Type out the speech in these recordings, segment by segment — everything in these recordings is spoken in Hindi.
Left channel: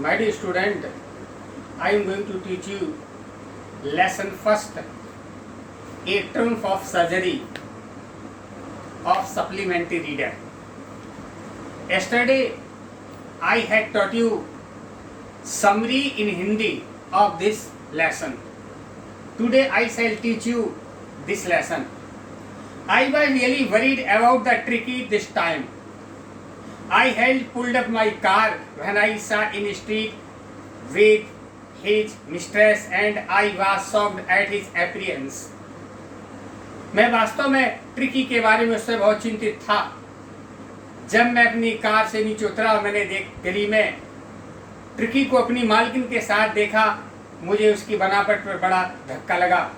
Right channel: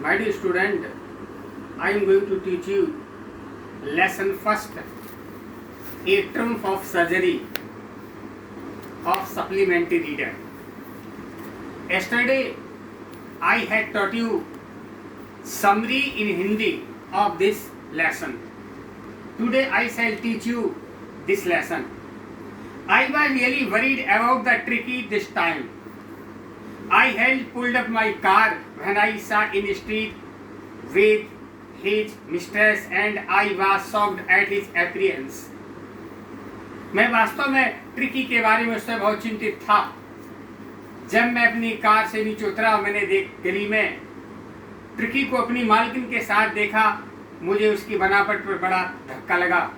My dear student, I am going to teach you lesson first, a triumph of surgery of supplementary reader. Yesterday, I had taught you summary in Hindi of this lesson. Today, I shall teach you this lesson. I was really worried about the tricky this time. I had pulled up my car when I saw in the street with his mistress and I was shocked at his appearance. मैं वास्तव में ट्रिकी के बारे में उससे बहुत चिंतित था. जब मैं अपनी कार से नीचे उतरा, मैंने गली में ट्रिकी को अपनी मालकिन के साथ देखा. मुझे उसकी बनावट पर बड़ा धक्का लगा.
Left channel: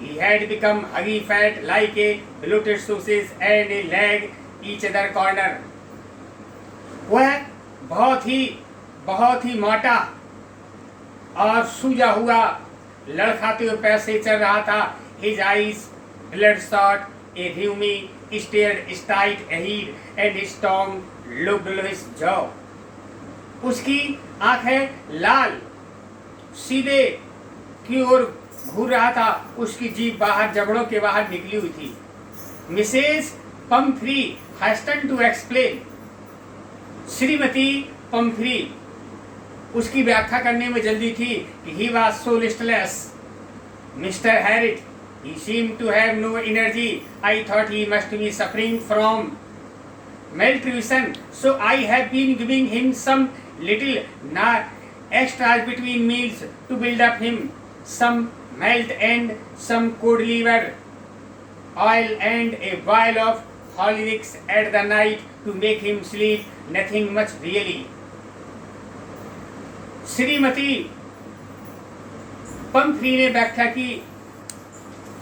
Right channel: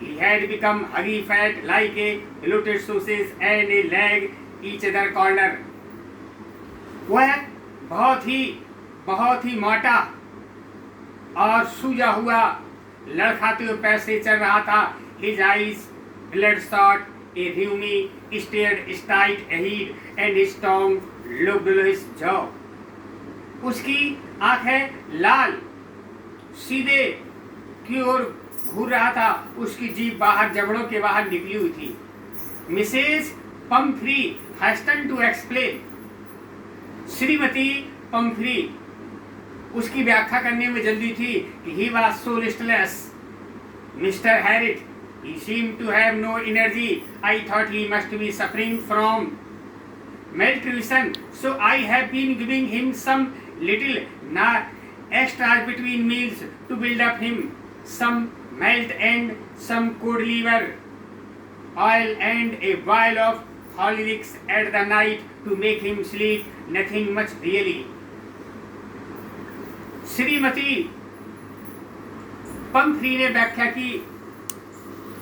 He had become huggy fat like a bloated sausage and a leg each other corner. वह बहुत ही मोटा और सूजा हुआ लड़खाते हुए पैर से चल रहा था. His eyes bloodshot, a rheumy stared straight ahead and his tongue looked below his jaw. उसकी आंखें लाल सीधे की ओर घूर रहा था. उसकी जीभ बाहर जबड़ों के बाहर निकली हुई थी. Mrs Pomfrey hasten to explain. श्रीमती पम्फ्री उसकी व्याख्या करने में जल्दी थी कि he was so listless. Mr Harriet, he seemed to have no energy. I thought he must be suffering from malnutrition, so I have been giving him some little extras between meals to build up him. Some malt and some cod liver oil and a boil of Horlicks at the night to make him sleep. Nothing much really. Shrimati Pomfrey ने व्याख्या की.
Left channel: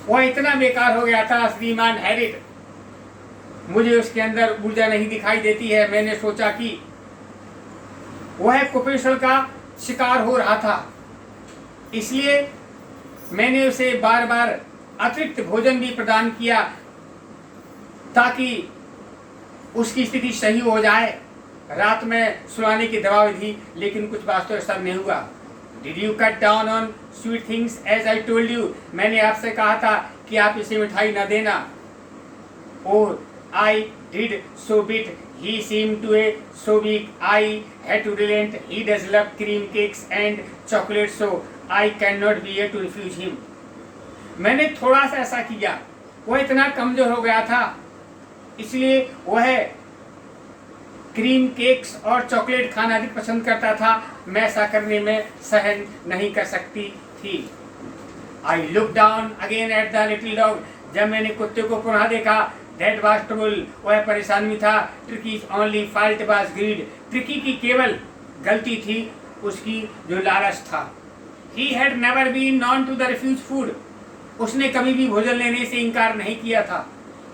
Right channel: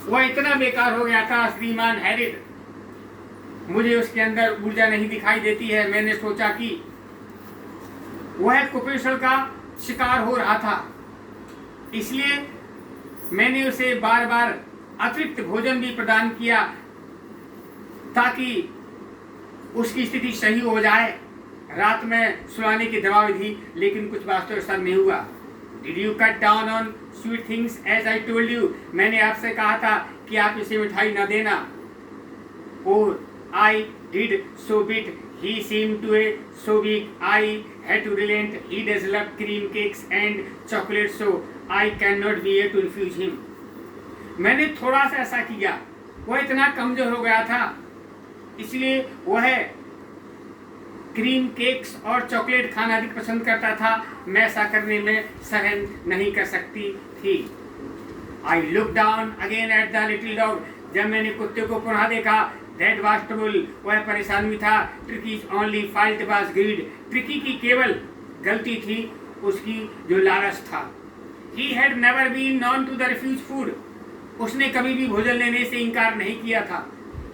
वह इतना बेकार हो गया था श्रीमान हैरिट, मुझे उसके अंदर ऊर्जा नहीं दिखाई देती है. मैंने सोचा कि वह कुपोषण का शिकार हो रहा था, इसलिए मैंने उसे बार बार अतिरिक्त भोजन भी प्रदान किया ताकि उसकी स्थिति सही हो जाए. रात में सुलाने की दवा दी, लेकिन कुछ वास्तव असर नहीं हुआ. Did you cut down on sweet things as I told you? मैंने आपसे कहा था कि आप इसे मिठाई न देना. Oh, I did so bit. He seemed to be so weak. I had to relent. He does love cream cakes and chocolate, so I cannot bear to refuse him. मैंने थोड़ा सा ऐसा किया. वह इतना कमजोर हो गया था, इसलिए वह क्रीम केक्स और चॉकलेट खाना अधिक पसंद करता था. मैं ऐसा करने में सहन नहीं कर सकती थी. I look down again at the little dog. जब मैंने कुत्ते को पुनः देखा, दैट वाज ट्रबल. वह परेशान भी था. ट्रिकीज only fault was grid. Tricky की केवल गलती थी उसकी जो लालच था. He had never been known to the refuse food. उसने कभी भी भोजन लेने से इनकार नहीं किया था.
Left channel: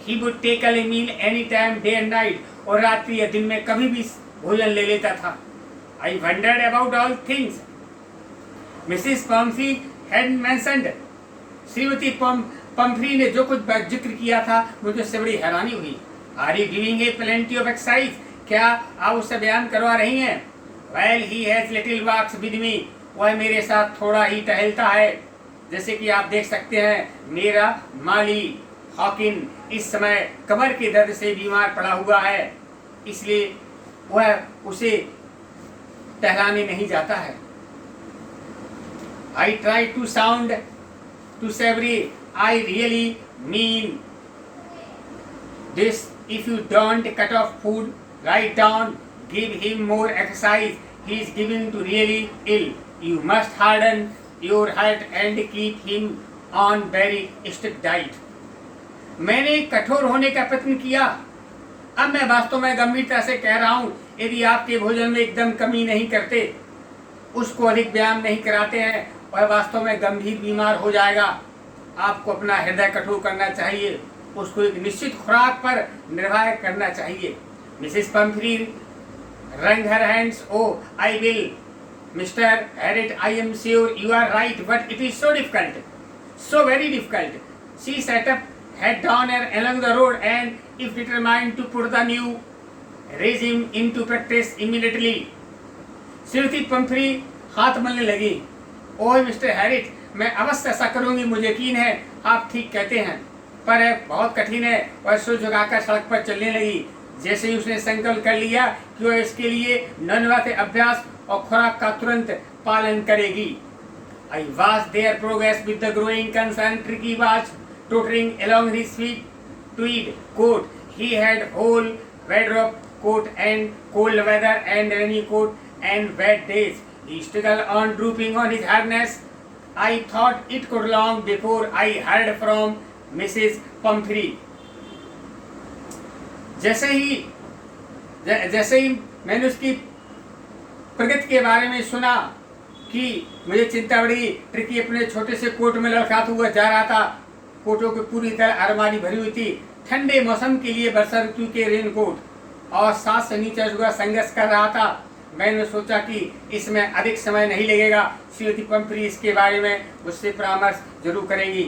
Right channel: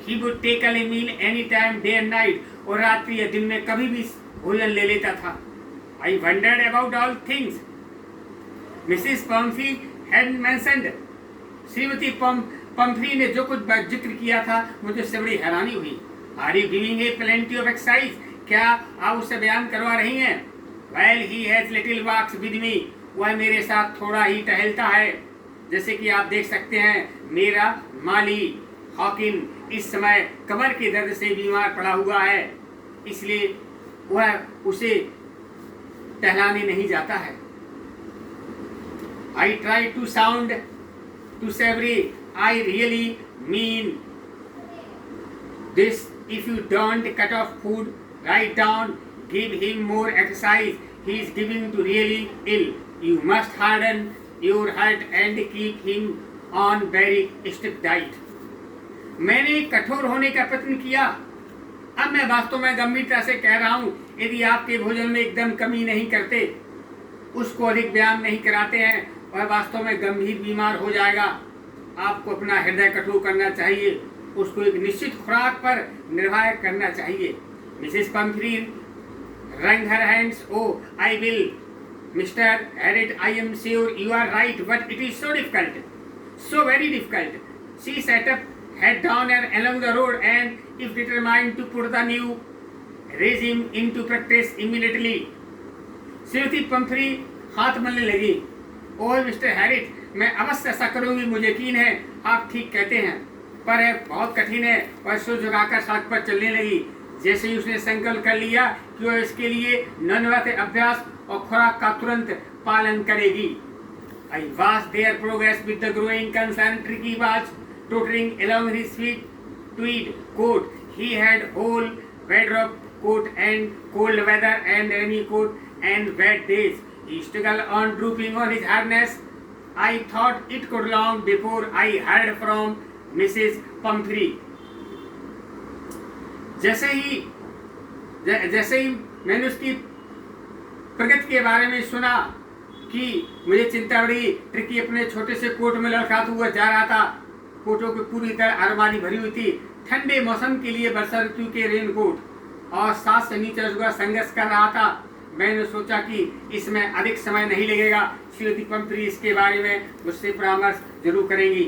He would take a meal any time, day and night. और रात्रि या दिन में कभी भी भोजन ले लेता था. आई wandered about all things Mrs Pomfrey had mentioned. Shrimati Pomfrey ने जो कुछ जिक्र किया था, मुझे उससे बड़ी हैरानी हुई. Are you giving a plenty of exercise. क्या आप उससे बयान करवा रही हैं? Well, he has little walks with me. वह मेरे साथ थोड़ा ही टहलता है. जैसे कि आप देख सकते हैं, मेरा माली हॉकिन इस समय कमर के दर्द से बीमार पड़ा हुआ है, इसलिए वह उसे टहलाने नहीं जाता है. I try to sound too severe. I really mean this. If you don't cut off food right down, give him more exercise. He is giving to really ill. You must harden your heart and keep him on very strict diet. मैंने कठोर होने का प्रयत्न किया. अब मैं वास्तव में गंभीरता से कह रहा हूं, यदि आपके भोजन में एकदम कमी नहीं करते, उसको अधिक व्यायाम नहीं कराते हैं, वह वास्तव में गंभीर बीमार हो जाएगा. आपको अपना हृदय कठोर करना चाहिए. उसको एक निश्चित खुराक पर निर्भर करना चाहिए. Mrs Pomfrey wrung her hands. Oh, I will, Mr. Harriet. I am sure you are right, but it is so difficult, so very difficult. She sat up, head down along the road, and if determined to put the new regime into practice immediately. Shrimati Pomfrey हाथ मलने लगी। ओह मिस्टर हैरिट, मैं अवश्य ऐसा करूंगी, मुझे यकीन है आप ठीक कहते हैं, पर बहुत कठिन है। और सिर झुकाकर सड़क पर चलने लगी। जैसे ही उसने संकल्प कर लिया कि वह इसके लिए नियमित अभ्यास और खुराक का तुरंत पालन करेगी। I watched their progress with the growing concern. Tricky was tottering along his sweet tweed coat. He had whole wardrobe, coat and cold weather and rainy coat and wet days. He struggled on drooping on his harness. I thought it could long before I heard from Mrs. Pumphrey. जैसे ही मैंने उसकी प्रगति के बारे में सुना कि मुझे चिंता बढ़ी। ट्रिकी अपने छोटे से कोट में लड़खड़ाता हुआ जा रहा था। कोटों की पूरी तरह अलमारी भरी हुई थी। ठंडे मौसम के लिए वर्षा ऋतु के रेनकोट और सांस से नीचे हुआ संघर्ष कर रहा था। मैंने सोचा कि इसमें अधिक समय नहीं लगेगा। श्रीमती पंफ्री इसके बारे में मुझसे परामर्श जरूर करेंगी।